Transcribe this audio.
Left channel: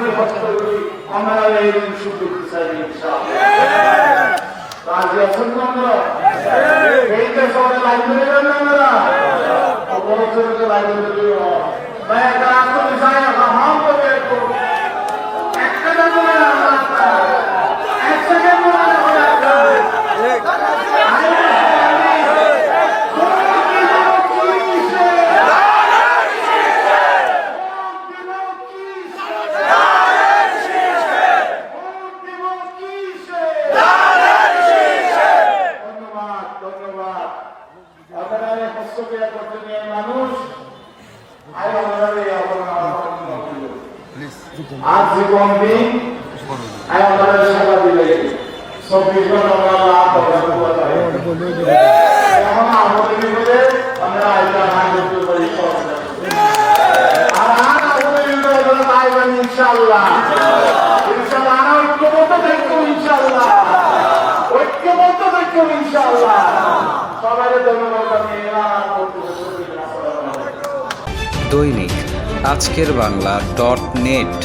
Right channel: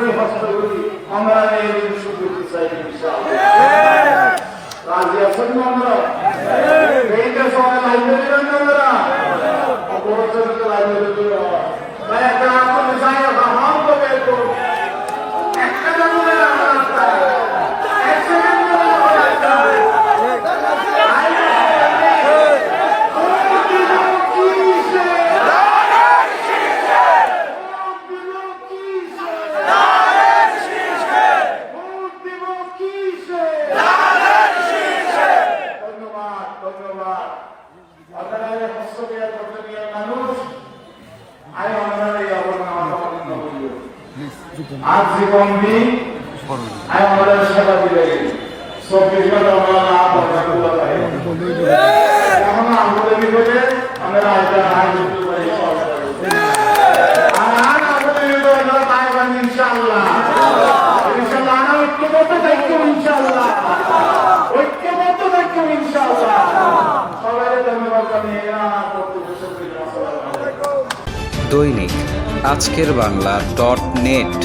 করি হস্ত করি আমরা এই সুযোগ চাই ইনশাআল্লাহ। রাজি আছেন না আমরা? এই তো সবাই লাইব্রেরি করবো আমরা, অবশ্যই লাইব্রেরি করবো। তাই একটা আপনাদের চাই রহমান করে একটা দৈনিক আজকের বাংলা .net